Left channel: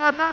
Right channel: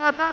apa